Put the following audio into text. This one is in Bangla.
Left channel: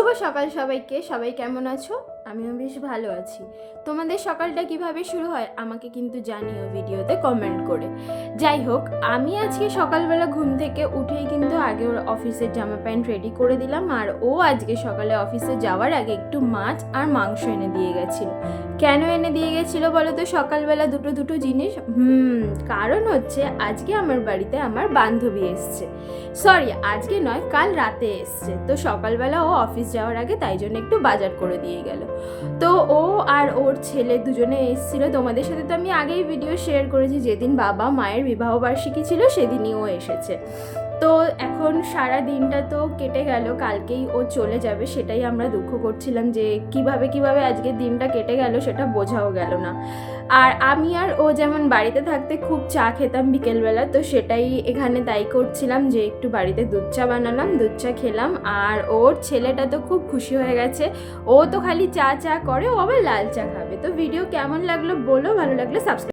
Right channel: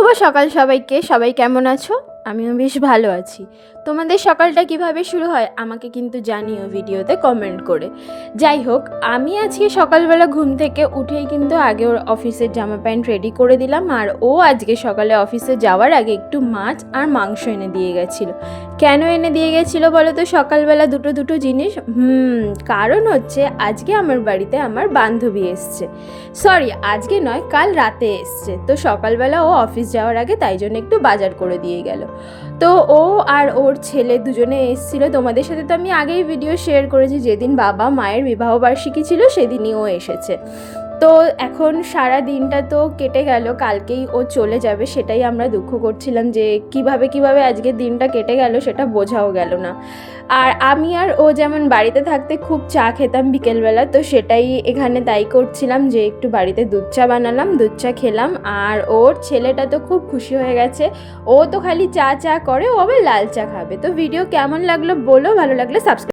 শুভ সকাল সবাইকে। সবাই কেমন আছো? আমিও বেশ ভালো আছি। তোমাদের সকালটা কিভাবে শুরু হয় আমাকে কিন্তু জানিও ভিডিওতে কমেন্ট করে। যাই হোক, আমি আজকে সকালবেলা ঘুম থেকে উঠেই কিন্তু আগে ওর অফিসের জামা প্যান্ট রেডি করে দিলাম, আর ও আজকে সকালে অফিসে যাওয়ার আগে একটু মাছ আর মাংস এনে দিয়ে গেছিলো। কেন এনে দিয়ে গেছিলো বলো তো সকালবেলা দুটো জিনিস? কারণ হচ্ছে আজকে আমার বাড়িতে আমার বান্ধবী এসছে। সরি, আজকে নয়, কাল রাতে এসছে। তো সকালবেলা ও অফিস যাওয়ার আগে তাই জন্য একটু বাজার করে দিয়ে গেল। তো ও আর ওর ছেলে দুজনে এসেছিলো। তোমাদের সাথে তো আমি আগেই ভিডিও শেয়ার করেছি, যেদিন বাবা মায়ের বিবাহবার্ষিকী ছিল সেদিনই ও এসেছে। তো এখন সারা দিনটা তো কেটে গেল, কালকেই ও চলে যাবে। সেটাই আমরা দুঃখ করছিলাম যে কিভাবে আজকের দিনটা কেটে গেল সেটা বোঝাও গেল না। আর আমি আর ও যেমন বাড়িতে থাকতে খুব চা খেতাম বিকেলবেলা, তো সেটাই এখানে তাই করছিলাম যে একটু বাড়িতে দুধ চা বানালাম, দুধ চা খেলাম। আর ওর ছেলেটা তো খুব খুশি হয়ে গেছে। ও তো খালি চা করে, ও আবার লাল চা খাবে। তো ভিডিও কেমন লাগলো বলো, ভালো লাগলে সাবস্ক্রাইব